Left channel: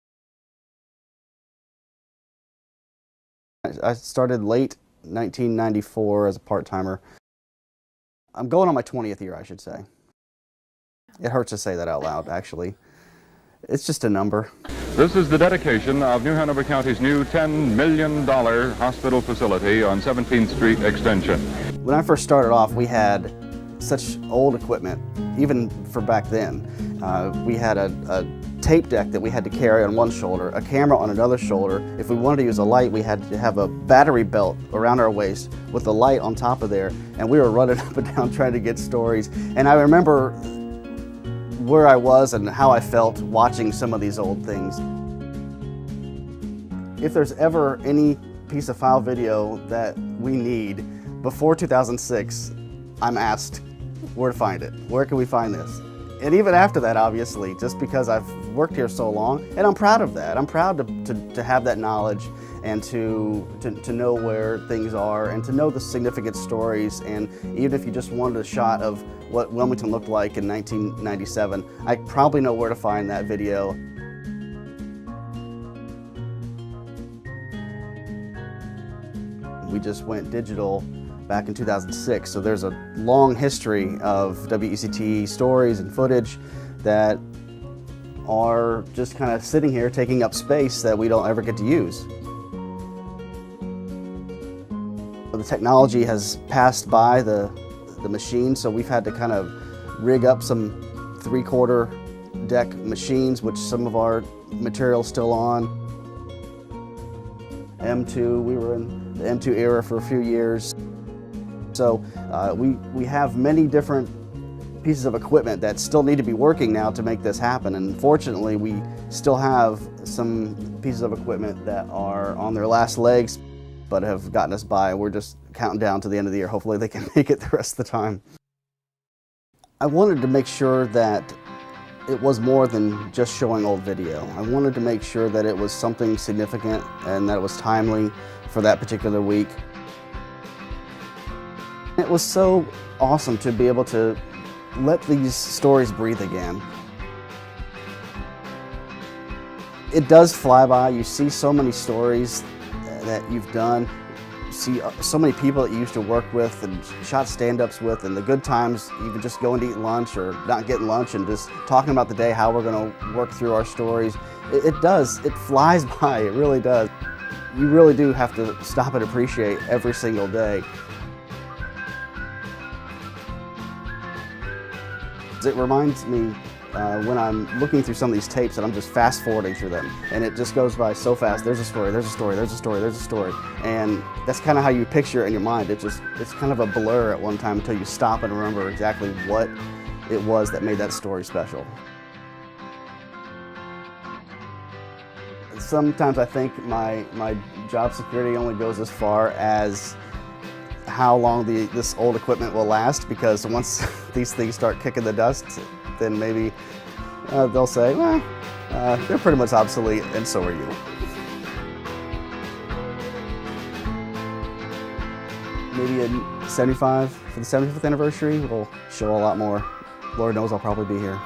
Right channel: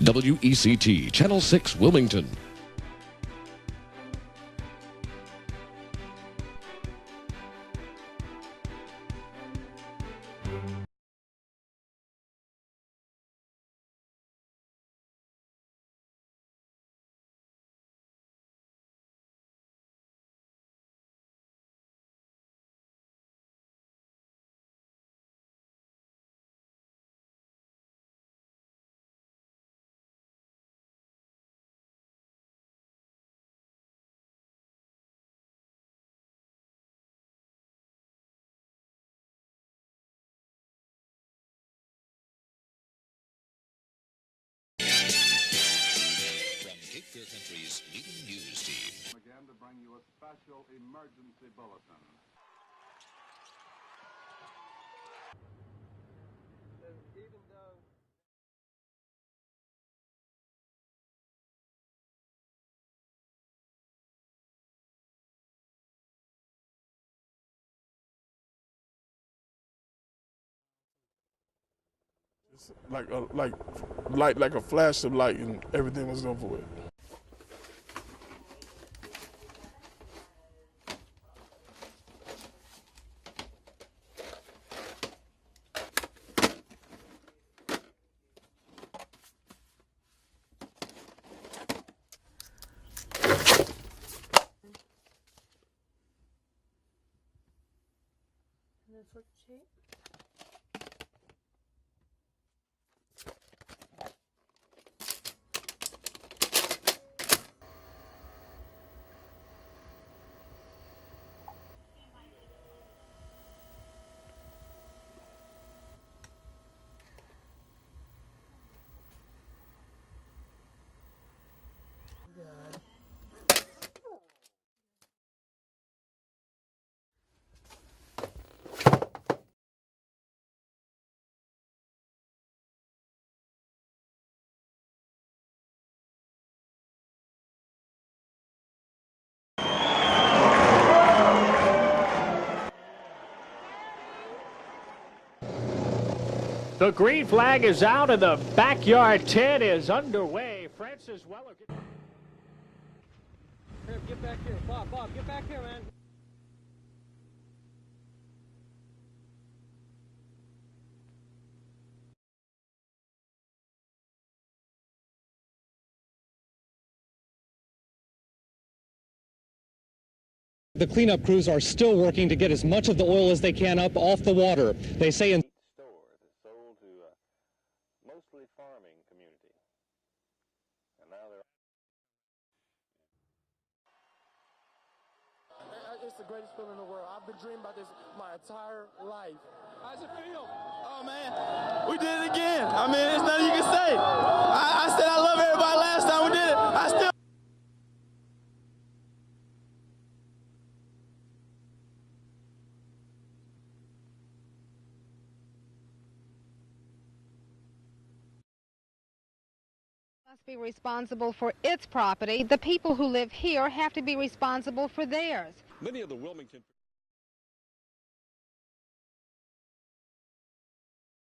WECT, Channel 6, Wilmington. I started late 1994 as a part-timer. I'm going on my 20th year, I should say. It hurts to say that out loud, actually. It's just a number. This is the dedication of New Hanover County's new $10 million hospital facility on 17th Street Extension. When I first started off, we had such old equipment, even for back then. We had a tape deck that we had to carry on one shoulder, a camera on another shoulder. If we wanted to use a light, we had to have a battery belt around our waist with a light on top of there, and we were running up and down trying to get stories. And I remember where I was and how I felt watching some of these old things. If there's ever any piece of file video that we need before 2006, I'm asked where to find it. Where can we find this? And even after that, obviously, just because I've worked here so long, and I'm proud of that. I'm proud to have that knowledge and to know where things are and to know the significant stories. And even if you just wanted a shot of what Wilmington looked like in 1997, I probably know where to find that video. Like a flash of light, and everything was over with. We just went digital back in 2006, so there's a long history of WECT stories and footage that are just kind of sitting here taking up space that we don't ever get to use. The technology has passed by the machine, so we've had to kind of rig up some 3/4 deck machines, which some of our material's still on. M2, we were in the M2 era for a few years. So we have many different pieces of equipment that still need to be working now to make this happen. And fortunately, we still have some pieces of equipment that are on their last legs, but have gotten us by. We're just counting down to the end of the year. Hopefully they can make it the rest of the time. I wanted to make sure that it was more than just showing old video. I wanted to make sure that it was something significant and that it was timely for that particular week. It was so awesome to be able to let these stories breathe again. The green flag is out and the backyard tent is up. It does fly by. You see so many stories that you've done. You see so many people that you used to work with and shot stand-ups with, and the good times, even just going to eat lunch or not getting lunch and just talking about the day, how we're going to work through our stories. It does. It flies by. It really does. You really do have to stop and appreciate every single day. The cleanup crews are still working to get as much of the oil as they can up off the water. They say it reminds me when I'm looking through some of these tapes and I'm just fast forwarding through them, and it just goes by so fast. There's a story, there's a story, there's a story, there's a story. And that's kind of how you picture it in your mind. It's kind of a blur at one time until you stop and remember exactly what it was that made that story special. We did it again. I mean, there's nothing you can say. I said I love everybody. Sometimes I think my job security only goes as far as how long this old equipment will last, because once these things start kicking the dust, then maybe they'll say, well, they're pretty much obsolete, and so are you. Responsible for its property. The people who live here have to be responsible for theirs. Maybe in 75, for the 75th anniversary, we'll show a lot more. Lord knows I'll probably be here.